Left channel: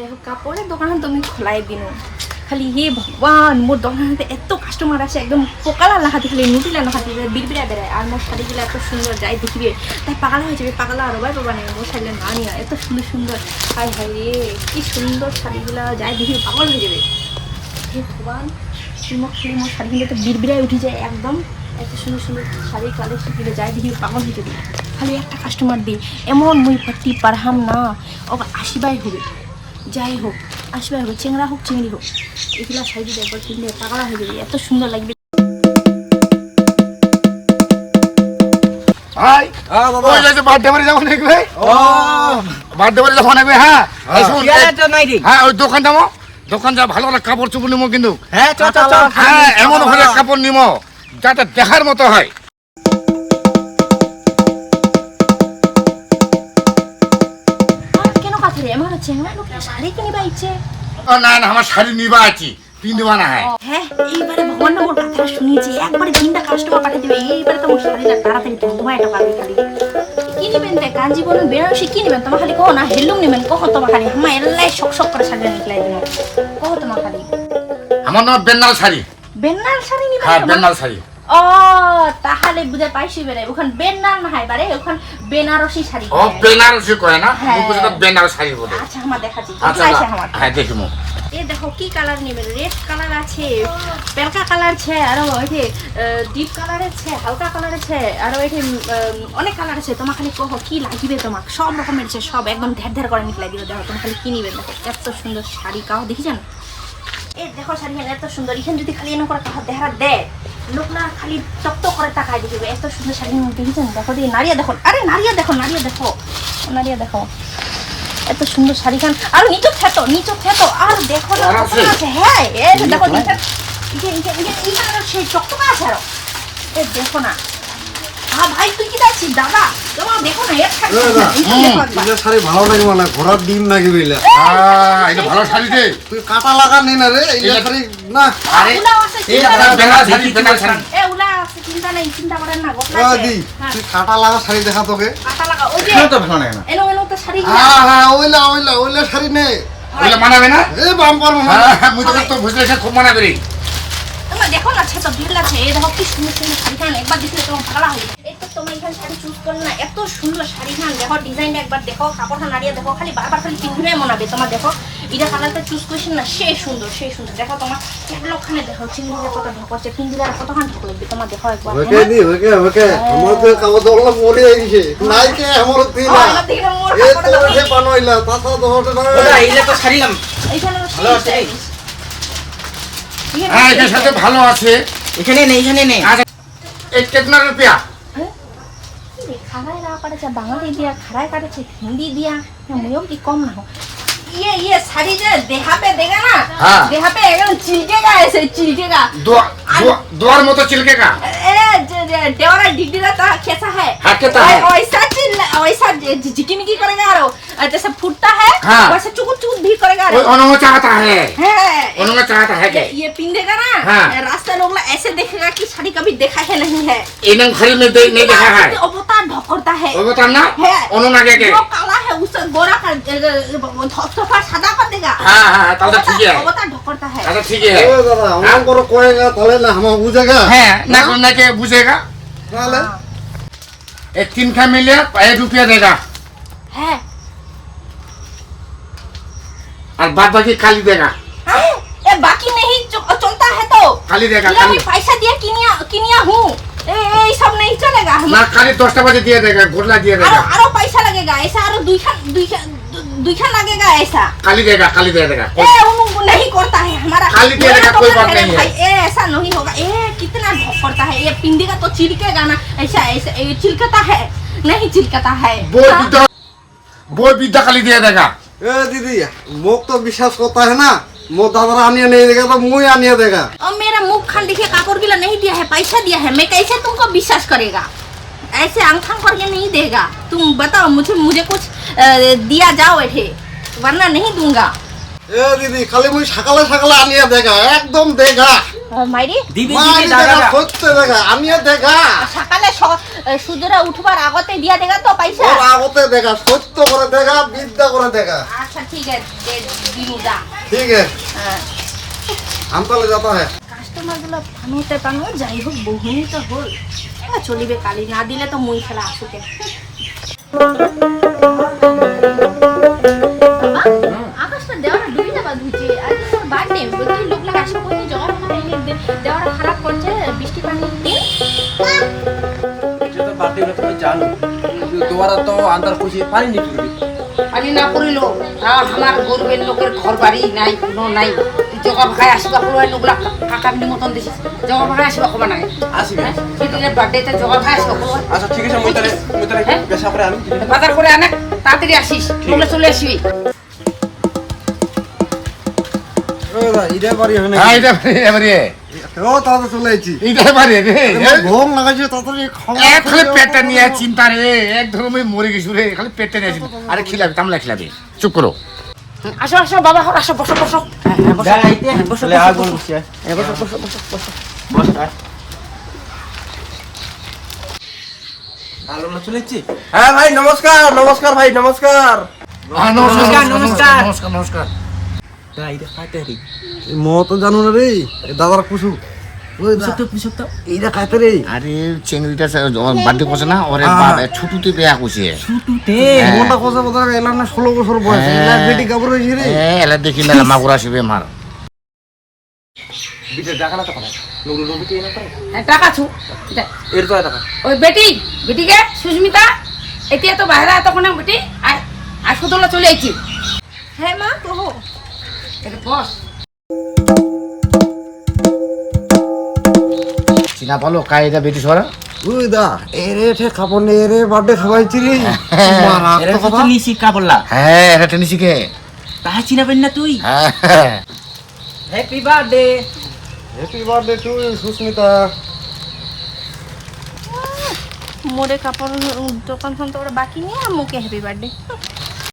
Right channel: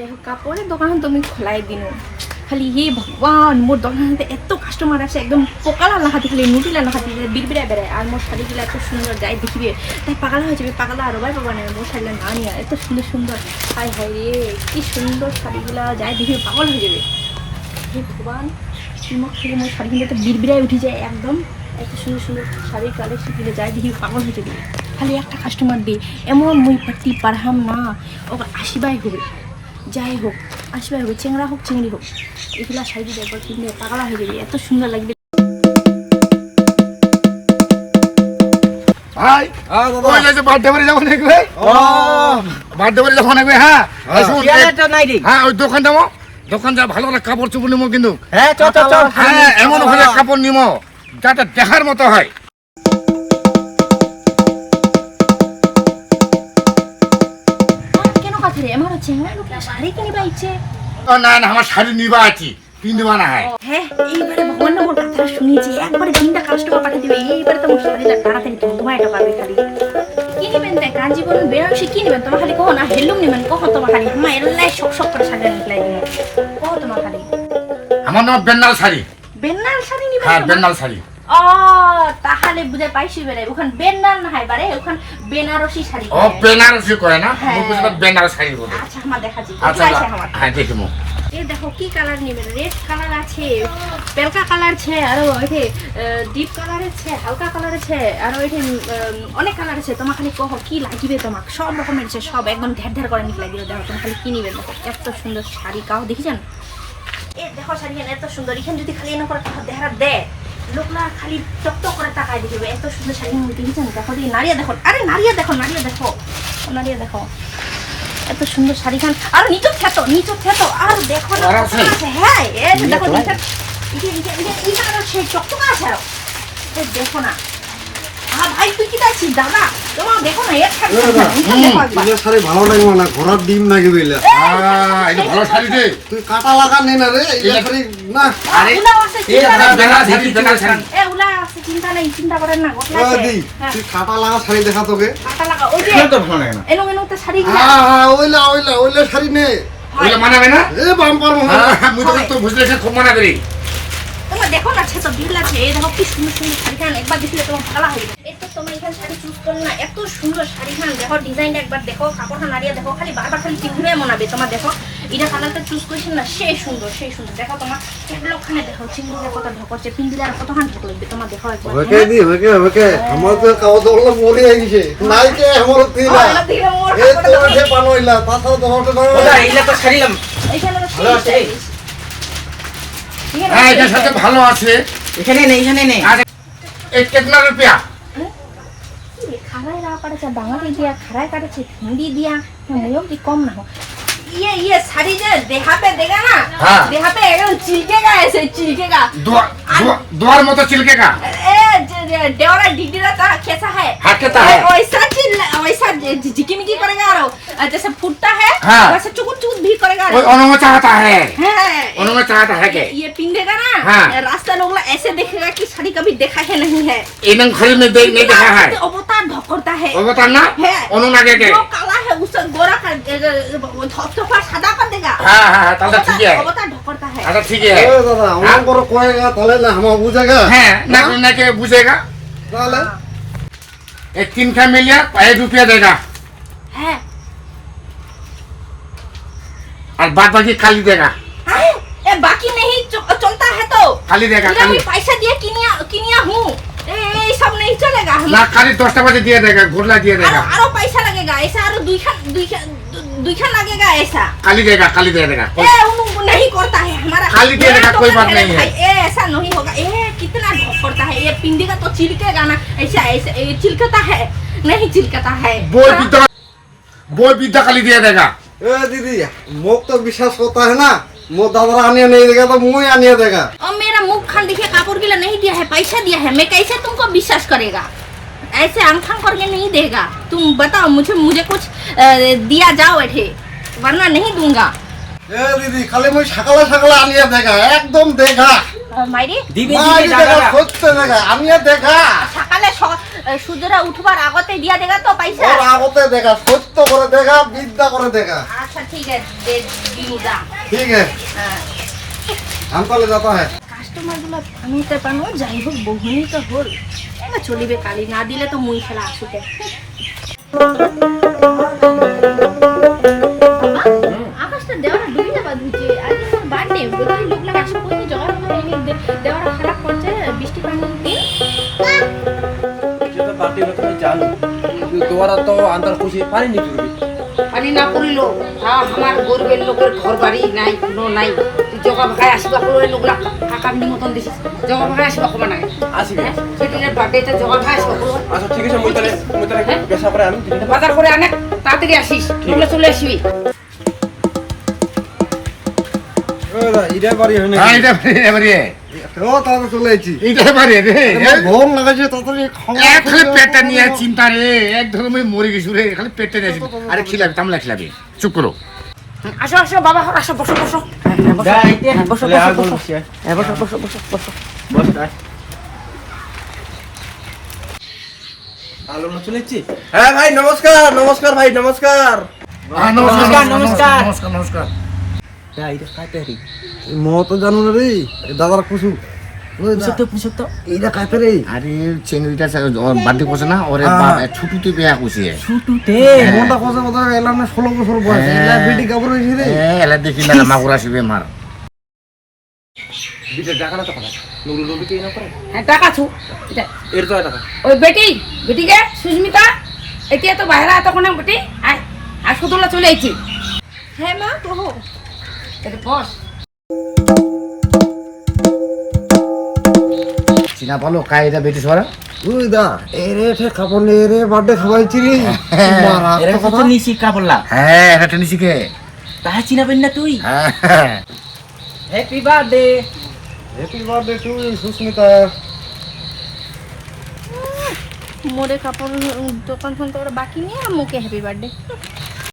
যাই হোক কাপড়ের দোকান তো আমি খোলাই দিন খালি হে ভগবান মোর দোকানতে এত কাস্টমার আসে একদম পোকালা লাহাতি খালি নুটিলা লাহাতি বিড়বিড়া বেড়ায় আর মোর শাড়িগুলো এত সুন্দর যাই দেখিবে তাই পাগলা হয়ে যাবে পাগলা আরো ভাই পাবা না মোর শাড়িগুলো না নিয়ে এত সুন্দর সুন্দর হায় হায় রে কি সুন্দর শাড়িগুলা যাই দেখিবে পাগল হয়ে যাবে হে ভগবান চুমক খালি মোর শাড়িগুলো তো বিড়বিড়ায় উঠে যায় একদম এত সুন্দর সুন্দর শাড়ির কালেকশনগুলো যাই দেখিবে পাগল হয়ে যাবে খালি একটা কাস্টমার দিয়ে এমন মুই পাতি পারহাম না ও আসিবাই হবে যাই হোক আসিবাই হবে চেংড়া হোক চিংড়ি হোক এগুলা শাড়ি একবার কিনলে পাগলা হয়ে যাবে এত সুন্দর লাগবে ভাই ওই যে বার্থডে বাড়ি যাবো নাকি ভাই বার্থডে বাড়ি যাবো নাকি হ্যাঁ হ্যাঁ ওই দোকান যাবো দোকান যা ভালো ভালো কাপড় চোপড় নিবো কিন্তু হ্যাঁ হ্যাঁ এমন ভালো কাপড় নিবো যাতে দেখার মতো হয় কেন কথা রে আমার চেংড়া লোকে শাড়ি কিনিবা ইচ্ছে না না আমার শাড়ি নিবা আছি পিনবা না হয় হ্যাঁ এইবারে ভগবান মোর কথা শুনেছি একবারে তিনটা কাস্টমার পাঠিয়ে দিবে এইবারে তো মোর শাড়িটা তাড়াতাড়ি তোমার একটা পাবে খালি কি নেবেন দেখ কাঞ্জিবরম বেনারসি কি নেবেন তোমার খালি কहो না হেলুম নেবেন কহ তোমার খালি আমার এলাই শক শক করে শাড়ি নিকলাই দিন কহ তোমার খালি আমার নাম বেনাল শাড়ি বেনাল শাড়ি নিবেন হ্যাঁ বেনাল শাড়ি ও তাহলে বুঝে পাইছি বেরে ওখান বেনাল না হয় বারে ওখান বেনারসি শাড়ি ও বেনারসি কয় না হ্যাঁ। মুখ বুঝে বেনাল শাড়ি বলে আচ্ছা আমার দেখাচ্ছি আচ্ছা আছে আমার হ্যাঁ দেখিমু এই দেখো কি কালার নেবেন রেড কালার আছে পেলকা কালার আছে আর ওইতে ডিপ কালার আছে হালকা কালার আছে আর ওইতে অনেক কালার আছে তোমার খালি কহ কি লাগিবে তোমাক সব রকমের আছে সব একদম ঢের ঢের করে নিক লাগিবে দেখো তোমার খালি কি নিবেন দেখো এত সুন্দর শাড়ি কাও দেখি জান এই দেখো শাড়ি এত সুন্দর এখানে যদি খালি এনে করে তাহা দেখা দে লোকরা খালি টকটক করে তাকায় দেখবে এত সুন্দর শাড়ি দেখেছেন দেখো দিয়ে নারিয়া দেখো আরে নারিয়া দেখো নারিয়া দেখো এত সুন্দর শাড়ি খান আর নিচু খেতো আর দেখো না কত আছে হ্যাঁ এই দেখো নিচে সেই টকটক আছে আর এই দেখো না ভাই তুই কি দেখছিস দাদা তোমার দেখো না এক শাড়ি ভালো লাগবে না ঘোড়ার ডিম নাকি বেলা এটা ভালো শাড়ি দে তুই কাটা লাগা নে না রে এই শাড়ি না আরে উলা আছে এই বেনাল শাড়ি বেনাল শাড়ি এ উলা আছে চিন্তা নেই চিন্তা করেন না গোটলা ও আছে দি তুই কাটা লাগা শাড়ি দেখা তোকে কাটা লাগা ওই যে তো ভালো লাগে না এনো তো শাড়ি হ্যাঁ হ্যাঁ ওইলা শাড়ি নে ওইটা মানাবে না এ বাম কর মুই তো বুঝলে সে খুব মানা করি তোমার দেখো না তো ভিড় লাগছে এই দেখো কি সুন্দর সুন্দর শাড়ি খান একবার দেখলে তোমার ভালো হবে এই তো তোমার এখানে শাড়ি চুজ করো না এত সুন্দর শাড়ি খান দেখো ডিজাইনটা একবার দেখো কাপড়টা নাড়িয়ে দেখো খালি বারবার খালি পিন্ধিবে মনাবে তোমার দেখো এটা কালারটা চুজ করছেন না সেই সুন্দর দেখো তোমার একলক্ষণে দেখো চিংড়ি কত ঢকছে পিন্ধিলে আর কতখান ঢক লাগবে তোমার দেখো একবার ওকে আমার তো কাগজ ওগুলো পড়ে গেছে নাই কে আমার তিলা এ তো ওঠে বানইলা তাছাড়া তো ওঠে না ওটা এইলা তো ছাড়িলাম এইখানে ভালো আছে হ্যাঁ এটা সাথে ভালো আছে এখানে নেই এই কিতনা রুপিয়া খারাই রাও কাটেছে বাঙালি দিয়া খারাই কাটেছে হিন্দি দিয়া মুয়ম কি কম না हो ये साड़ी जो देहा पे देगा ना हाँ। देहा पे एकदम चिलकेगा ऐसे चिलकेगा द्वार मत चिलकेगा ए देवरा डिगडीरा तो कैसा है हाँ, कैसा है? वैसा झिकिमिकी करेगा और जैसे फूटता है हाँ। वैसे चुकुट चुकुट भी करेगा वो उन्होंने चाहता है है उन्होंने चाहता है क्या ये पिंधेगा ना हाँ। रास्ता लोग ऐसे देखेगा कि साड़ी कभी देखा है नहीं है इन्होंने घर में नहीं देखा है अवतार ढकोरता है वो बता ना है उन्होंने आगे क्या जो काला है उसे गोरा कर थोड़ा सादा कर देगा हाँ हाँ ताला ठीक है अवतार ढकोरता है अच्छा ठीक है ও দাদা আমার বড় কয়েগা তাহলে না আমার বুঝেগা हैं ना के बुझेगा তাহলে ये 3 का मिलिए 1 रुपया देगा है और बाद बाकी खाली देगा ए बाकी नहीं चलता है तो खाली देगा ये खाली मैं पैसा दिया किनिया हूँ ये सब नहीं चलेगा हम ना खाली 10 बजे दिया देगा घुरला दिया देगा आरो पैसा लगेगा ऐसा आरो दुई खान लगेगा ऐसा खाली दे देगा ए वो नहीं करता है हमारा खाली दिया देगा, कोई बात नहीं है। ए ऐसा नहीं होगा ए कितना ढक करता है ये पिंडेगा तो चिलकेगा ना ऐसा ऐसा ये चिलकता है नहीं चिलकता है बोल विद्या खाली दिया देगा এ দিদি মোক তো বিশ্বাস করতে है ना মো দাদারা আনিয়ে नहीं देगा तो मुझे आनिए देगा और मेरा मुख खान देखिए कापड़ गिला नहीं दिया है पैसा दिया है मैं कैसे तुमको विश्वास करेगा ऐसे आंखां करके नहीं देगा तुम बताओ मुझे कुछ दिया जाओ ऐठे वरना नहीं दूंगा এ দিদি খালি মুই সকালে সকালে আনিয়ে দেখা একদম দেখা মাইরি দিবে মারি দাদা দেখা সত্যি দেখা আনিয়ে দেখা সকালে সূর্যরা উঠবার আগতে দিয়া দেগা তো পয়সা ওর আগতে দেখা সত্য করে দেখা বিদ্যা করে দেখা আচ্ছা ठीक है दे दूंगा ठीक है हाँ हम তাহলে যাতা है কাস্টমার গুলো পানুতে পানো যাই হোক বহুনি তো হল এবার চলিবে কালি না দিলে তো মুই খেলা আসুকে আকাশটা দেওয়াটা ডুবি যাবা ধুইছে আজ তোর বার্থডে বলছি লোকলা আসে কই জগা দেওয়াটা খারাপ করছে বৃষ্টি পানি যেটা বার্থডে হলো তুমি জানো তোমার তো আন্দার খুশি পানি নি পড়বে পানি না করিল আমার গরিবের লোকের ঘর বাড়ি নাই কোনো নাই তুই জগা ভাগায় আসবা কই লোকরা কাকার নিমন্ত্রণ দিছিস জগা ভাগায় আসবা কবা নাই আসিবে সেদিনের বার্থডেতে জগা ভাগায় আসবা কই আচ্ছা ঠিক আছে মই তাহলে পেশা করে আমি বাজার করে আনে তাড়াতাড়ি আসিস বলে চলে আসবি ইটা বাড়ি হয় হ্যাঁ এটা এবারে ও তাহলে চলে আইছি এইটা বাড়ি রে ঘুম লাগাইছে তাড়াতাড়ি খাওয়া এক খালি পেটটা নিয়ে চিন্তা রে এক ধরো আমি মরে গেছি রে খালি পেটটা নিয়ে আসি আরে খিলাবে কামলা খিলাবে চুপ করো আসো আসো বাবা আসো বসো বসো গাইতে বসে আগ বল বসে বস আয় আলো না চলেছি হ্যাঁ ভাই নমস্কার নমস্কার ভাই নমস্কার হ্যাঁ, নমস্কার, নমস্কার। নমস্কার নমস্কার গাইতে খাইতে রে মো তো জানো না রে দাদার কুসু ওই পুষো তো এইটা খাইতে রে আরে চেংড়িটা বার্থডে করছে না ওরে ছুটুতে বিয়া করছে ছুটুতে মোটা কথা কথা এলাম না 16 বছর বয়স এলা বেটি কাপড় হইছে রে এলা দেখি না মাগুর আসবে মার বিটা জায়গা না তো কথা লোক লোক বিটি না করে হ্যাঁ টাকা ছু এর তো টাকা ওই বেটিকে সুস্মিতা এতিয়া তো বাইরে এতক্ষণ বেটি আয় আয় সুতলা চলে আইছি হ্যাঁ মা কহো এটা বস চিনা পালো কায়দা বেটি সরা ওই দা এরে ঠে কাপড় নে রে বার্থডে খাওয়াইছি রে মারা এরা কত নিছি কাপড়লা হ্যাঁ এটা টেনে শিখে তাহা চিনাবেন না তুই হ্যাঁ happy birthday happy birthday to Susmita মোরে কাপড় দোকান ফোন তো ওরা বাকি নিয়ে মুখে হ্যাপি বার্থডে